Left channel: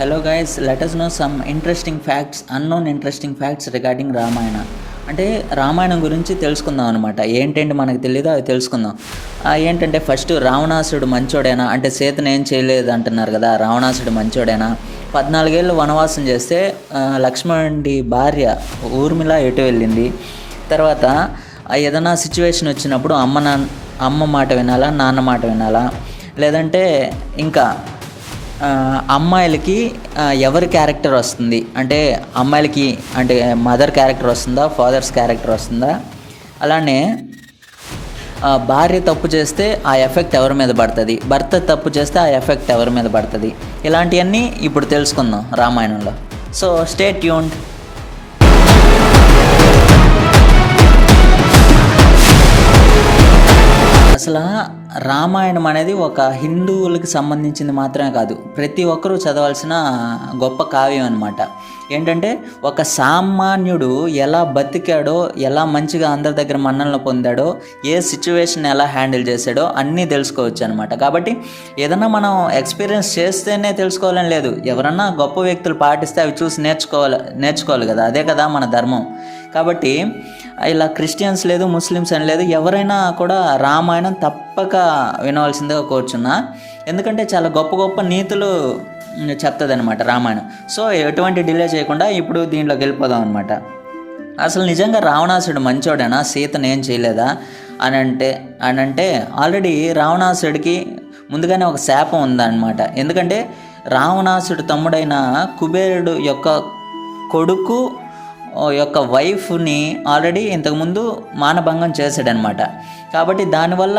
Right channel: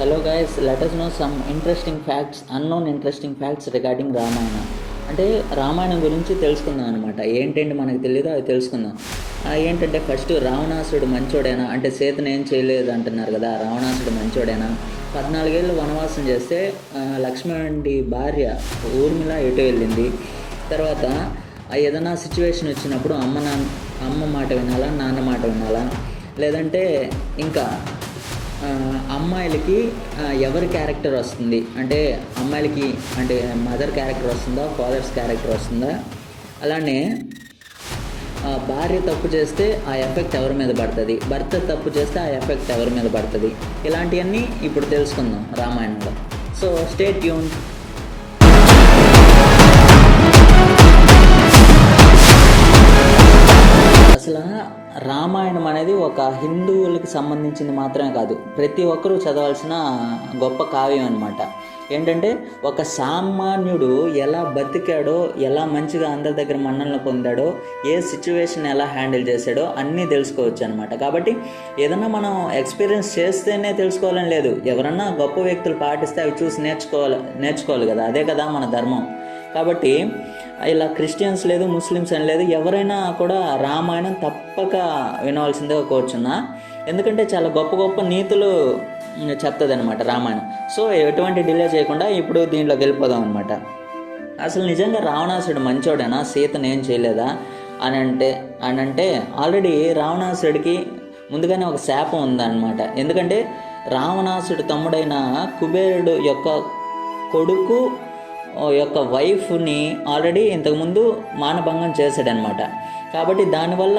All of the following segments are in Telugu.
Hello guys, let us know some interesting facts, unknown interesting facts regarding Ramayana. అంటే రామాయణం గురించి తెలుసుకుందాం అనమాట. ఏంటంటే మనకు తెలియదు, అవి తెలుసుకుందాం. ఏంటంటే ఫస్ట్ రావణాసుడు మంచోడేనా అంటే సీతను ఏం చేయలేదు అంటున్నారు కదా, రావణాసుడు మంచోడేనా? 14 ఏళ్ళు వనవాసం చేస్తే లక్ష్మణుడి భార్య ఊర్మిళ ఎటు వెళ్ళింది? తర్వాత ఏదైనా సిచ్యువేషన్ వచ్చినప్పుడు అమ్మ మాట వినాలా, నాన్న మాట వినాలా? లేదంటే ఇంకా అమ్మాయిలకి ఎవరి క్యారెక్టర్ వస్తుంది అంటే అమ్మాయిలకి అంటే మదర్ క్యారెక్టర్ వస్తుందా, ఫాదర్స్ క్యారెక్టర్ వస్తుందా? అలానే భార్య తప్పు చేస్తే ఆ ఎఫెక్ట్ ఎవరి మీద పడుతుంది, భర్త తప్పు చేస్తే ఆ ఎఫెక్ట్ ఎవరి మీద పడుతుంది? ఇలాంటివన్నీ ఇప్పుడు తెలుసుకుందాం రామాయణంలో. So stay tuned. అసలు రామాయణం అనేది ఒక హిందువులకి సంబంధించింది మాత్రమే కాదు, ప్రతి ఒక్కరూ చదవాల్సిన గొప్ప కావ్యం అనమాట. ఏంటంటే ఒక సామాన్యుడు ఎలా బతికాడో, ఎలా మంచిగా అందరి దగ్గర మన్ననలు పొందాడో, ఏ సిచ్యువేషన్ ఎలా హ్యాండిల్ చేశాడో అన్నీ తెలుసుకోవచ్చు అనమాట. కాబట్టి ఏదన్నా మనం ఎక్స్పీరియన్స్ చేస్తేనే తెలుసుకోవాలని లేదు, ఎవరన్నా గొప్ప వ్యక్తులు పాటిస్తే అవి చూసి నేర్చుకోవాలి కదా, అదే కదా మన ధర్మం. కాబట్టి ఇలా క్రిస్టియన్స్ లేదు, ముస్లిమ్స్ అని లేదు, ఎవరైనా కూడా రామాయణం తప్పక వినవలసిందిగా కోరుచున్నా. ఎందుకంటే చాలా గొప్ప గొప్ప నీతులు చెప్తుంది అనమాట రామాయణం. సో ఎటువంటి డిలే చేయకుండా ఇప్పుడు దీంట్లోకి వెళ్ళిపోదాం అనమాట. అసలు నిజంగా రావణాసుడు మంచోడేనా, సీతను ఏం చేయలేదా అని అంటే ఆల్రెడీ రావణాసుడికి ముందుగానే ఒక శాపం ఉందన్నమాట. ఎందుకంటే రావణాసుడు తమ్ముడైన కుబేరుడు యొక్క కొడుకు యొక్క వైఫ్ని ఆల్రెడీ ఇంతకుముందు మానభంగం చేశాడనమాట. కాబట్టి దానివల్ల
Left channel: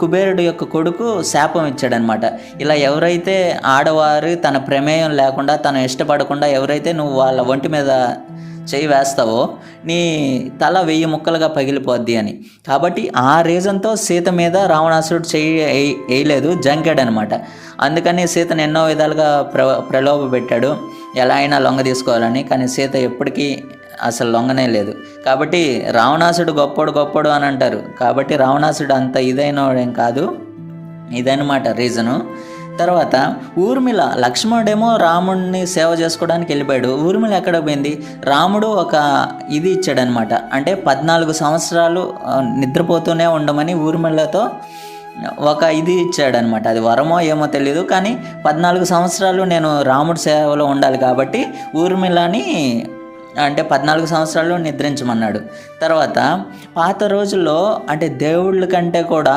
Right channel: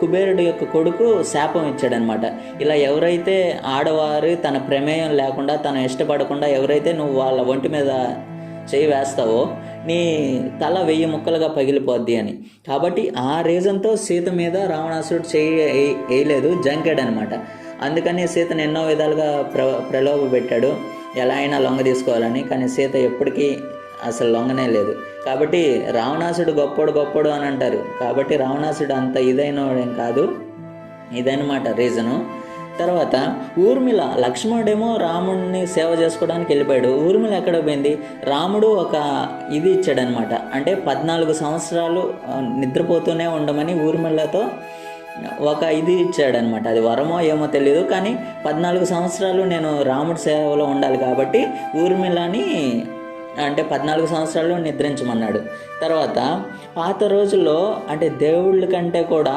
కుబేరుడు యొక్క కొడుకు శాపం ఇచ్చాడనమాట. ఇలా ఎవరైతే ఆడవారు తన ప్రమేయం లేకుండా, తను ఇష్టపడకుండా ఎవరైతే నువ్వు వాళ్ళ ఒంటి మీద చేయి వేస్తావో నీ తల 1000 ముక్కలుగా పగిలిపోద్ది అని. కాబట్టి ఆ రీజన్తో సీత మీద రావణాసుడు చేయి వేయలేదు, జంకాడనమాట. అందుకని సీతను ఎన్నో విధాలుగా ప్రలోభ పెట్టాడు, ఎలా అయినా లొంగ తీసుకోవాలని. కానీ సీత ఎప్పటికీ అసలు లొంగనే లేదు. కాబట్టి రావణాసుడు గొప్పోడు అని అంటారు. కాబట్టి రావణాసుడు అంత ఇదైనవాడేం కాదు, ఇదనమాట రీజను. తర్వాత ఊర్మిళ, లక్ష్మణుడేమో రాముడిని సేవ చేసుకోవడానికి వెళ్ళిపోయాడు. ఊర్మిళ ఎక్కడ పోయింది? రాముడు ఒక ఇది ఇచ్చాడనమాట. అంటే 14 సంవత్సరాలు నిద్రపోతూనే ఉండమని ఊర్మిళతో ఒక ఇది ఇచ్చాడనమాట. అది వరమో ఏమో తెలియదు, కానీ 14 సంవత్సరాలు నేను రాముడి సేవలో ఉండాలి కాబట్టి ఊర్మిళని అంటే 14 సంవత్సరాలు నిద్రించమన్నాడు. తర్వాత పాత రోజుల్లో అంటే దేవుళ్ళ కంటే కూడా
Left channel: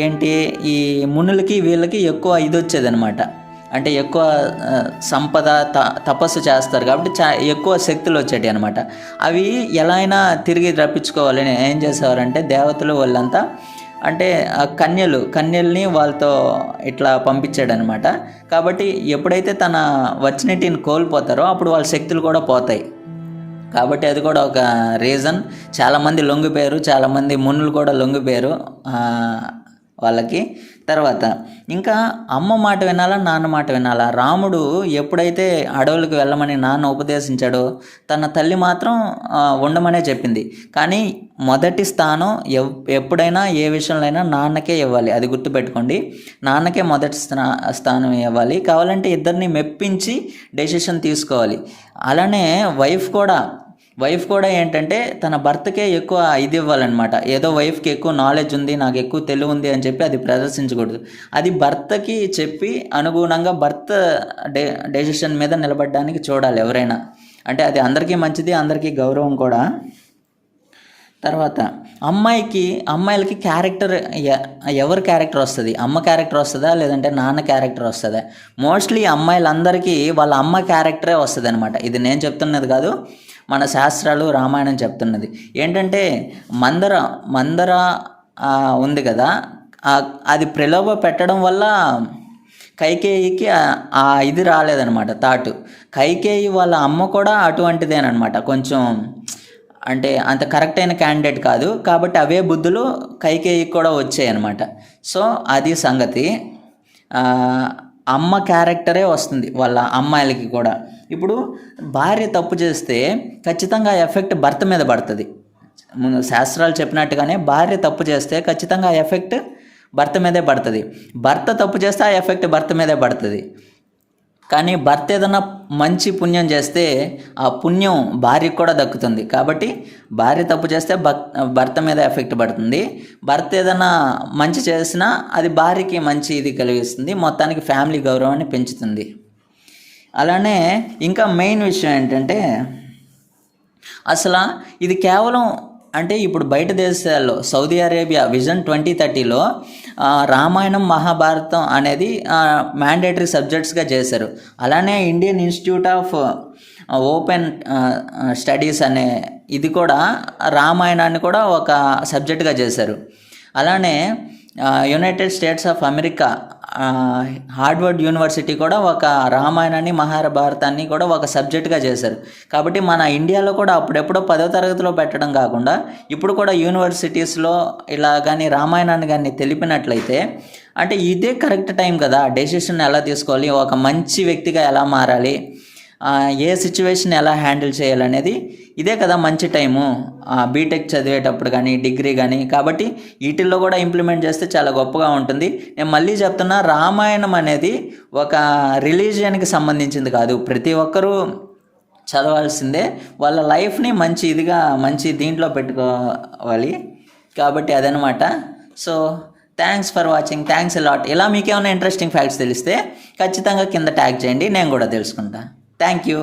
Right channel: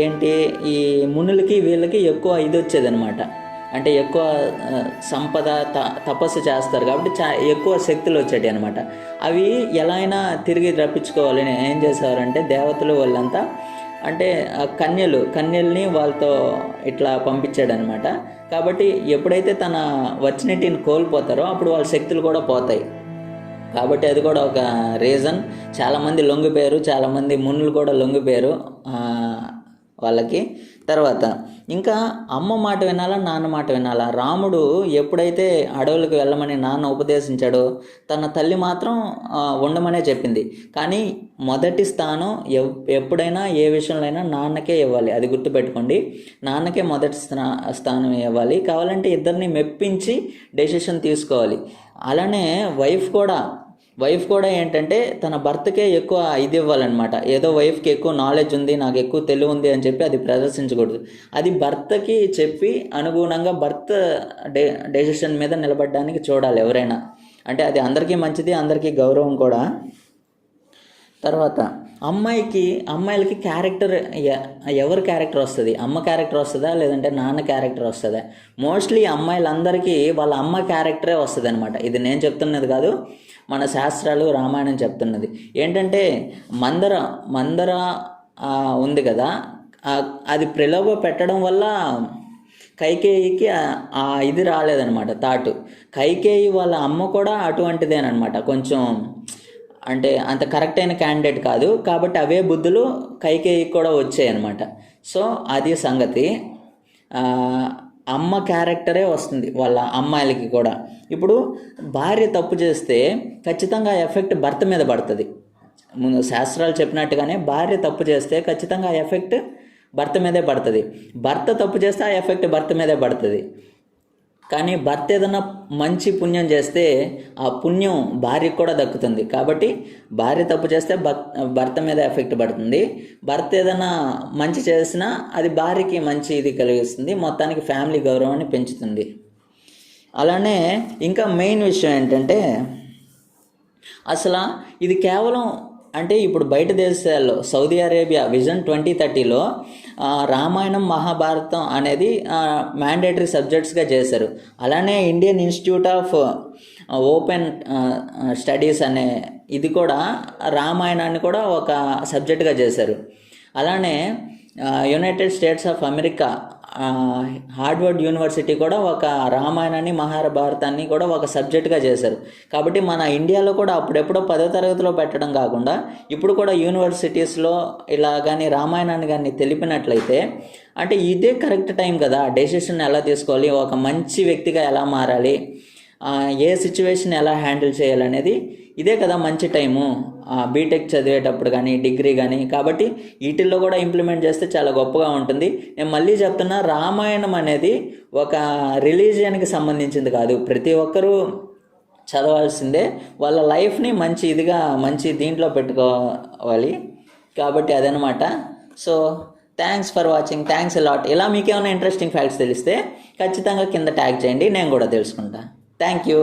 ఏంటి ఈ మునులకి వీళ్ళకి ఎక్కువ ఇది వచ్చేదనమాట. అంటే ఎక్కువ సంపద తపస్సు చేస్తారు కాబట్టి ఎక్కువ శక్తులు వచ్చేటి అనమాట. అవి ఎలా అయినా తిరిగి రప్పించుకోవాలని ఏం చేసేవారంటే దేవతలు వాళ్ళంతా అంటే కన్యల్ని వాళ్ళతో ఇట్లా పంపించాడనమాట. కాబట్టి ఎప్పుడైతే తన వర్చినిటీని కోల్పోతారో అప్పుడు వాళ్ళ శక్తులు కూడా పోతాయి. కాబట్టి అది కూడా ఒక రీజన్. చాలామంది లొంగిపోయారు, చాలామంది మునులు కూడా లొంగిపోయారు వాళ్ళకి. తర్వాత ఇంకా అమ్మ మాట వినాలా, నాన్న మాట వినాలా? రాముడు ఎప్పుడైతే అడవులకు వెళ్ళమని నాన్న ఉపదేశించాడో తన తల్లి మాత్రం ఉండమనే చెప్పింది. కానీ మొదటి స్థానం ఎప్పుడైనా ఏ విషయంలో అయినా నాన్నకే ఇవ్వాలి, అది గుర్తుపెట్టుకోండి. నాన్నకే మొదటి స్థానం ఇవ్వాలి. కావాలంటే ఇద్దరిని మెప్పించి డెసిషన్ తీసుకోవాలి. అలానే వైఫ్ కూడా ఏంటంటే తన భర్తకే ఎక్కువ ఇది ఇవ్వాలన్నమాట. ఏదో వైఫ్కి ఎక్కువ నాలెడ్జ్ ఉంది, నాకు ఎక్కువ తెలివి ఉంది అని చెప్పి అది ప్రదర్శించకూడదు. అది భర్తకి చెప్పి అనుగుణంగా భర్త డెసిషన్ మీద నిలబడడానికి చూడాలి ఎవరైనా. అంటే అది అందరికీ మంచిది, అందరికీ గౌరవం కూడా. తర్వాత అమ్మాయిలకి క్యారెక్టర్ ఎవరి క్యారెక్టర్ వస్తుంది? అమ్మ క్యారెక్టర్ వస్తుందా లేదంటే నాన్న క్యారెక్టర్ వస్తుందా? మోస్ట్లీ అమ్మాయిలందరికీ వాళ్ళ అమ్మ క్యారెక్టరే వస్తుంది అనమాట. ఇది నేను చెప్తున్నది కాదు, మన శాస్త్రాలు రామాయణం చెప్తున్నది. ఏంటంటే మందర ఉంది కదా, అది ప్రలోభ పెట్టడం వల్ల కైకేయికి ఆ ఇది రాలేదనమాట తాటు. కైకేయి వాళ్ళ అమ్మ కూడా అటువంటిదేనమాట, కొంచెం అంటే అంత కరెక్ట్ అయిన క్యాండిడేట్ కాదు. కాబట్టి అవే బుద్ధులు కైకేయికి కూడా వచ్చాయి అనమాట. సో అది సంగతి. అమ్మ క్యారెక్టరే వస్తుంది వాళ్ళ అమ్మాయిలకి కూడా. ఇప్పుడు భార్య తప్పు చేస్తే ఖచ్చితంగా ఎఫెక్ట్ భర్త మీద పడుతుంది. ముందు శాస్త్రాలు చెప్పినట్టుగానే భార్య తప్పు చేస్తే ఖచ్చితంగా ఎఫెక్ట్ భర్త మీదే పడుతుంది. భర్త తప్పు చేస్తే ఆ ఎఫెక్ట్ భర్త మీదే పడుతుంది. కానీ భర్త ఏదైనా మంచి పుణ్యం చేస్తే ఆ పుణ్యం భార్యకు కూడా దక్కుతుంది. కాబట్టి భార్య తప్పు చేస్తే భర్త మీద ఎఫెక్ట్ పడుతుంది. భర్త ఏదైనా మంచి చేసినా అది భార్యకి మంచి ఇది కలిగిస్తుంది, మొత్తానికి ఫ్యామిలీ గౌరవాన్ని పెంచుతుంది. అలానే ఇంకా మెయిన్ విషయం ఏంటంటే అసలు ఇది కేవలం అంటే ఇప్పుడు బయట దేశాల్లో సౌదీ అరేబియా విజన్ 2030లో రామాయణం మహాభారతం అనేది మ్యాండేటరీ సబ్జెక్ట్స్గా చేశారు. అలానే Indian Institute of Open Studies అనే ఇది కూడా రామాయణాన్ని కూడా ఒక సబ్జెక్ట్గా చేశారు. అలానే United States of America Harvard University కూడా ఒక రామాయణాన్ని మహాభారతాన్ని కూడా ఒక సబ్జెక్ట్గా చేశారు. కాబట్టి మన ఇండియాలో కూడా అప్పుడెప్పుడో 10వ తరగతిలో పెట్టడం కాకుండా ఇప్పుడు కూడా యూనివర్సిటీస్లో ఇలా కానీ రామాయణాన్ని కానీ తెలిపినట్లయితే అంటే ఇదే కరెక్ట్ టైం కదా. డెసిషన్ ఎలా తీసుకోవాలి, ఒక మంచి వ్యక్తిగా ఎలా మారాలి, ఏ సిచ్యువేషన్ ఎలా హ్యాండిల్ చేయాలనేది ఇదే కదా మంచి టైము, బీటెక్ చదివేటప్పుడు కానీ డిగ్రీ కానీ. కాబట్టి వీటిల్లో కూడా ఇంప్లిమెంట్ చేస్తే చాలా గొప్పగా ఉంటుంది. నేను మళ్ళీ చెప్తున్నా, రామాయణం అనేది ఒక రిలీజియన్కి సంబంధించింది కాదు, ప్రతి ఒక్కరూ చదవాల్సిందే. వాళ్ళ లైఫ్ని మంచి ఇదిగా మంచి దీంట్లో పెట్టుకోవాలి. కాబట్టి అదనమాట. So thanks for watching, thanks a lot. ఇలా మీకేమైనా ఇంట్రెస్టింగ్ ఫ్యాక్ట్స్ తెలిస్తే ఖచ్చితంగా కింద ట్యాగ్ చేయండి, నేను కూడా తెలుసుకుంటా. Thank you.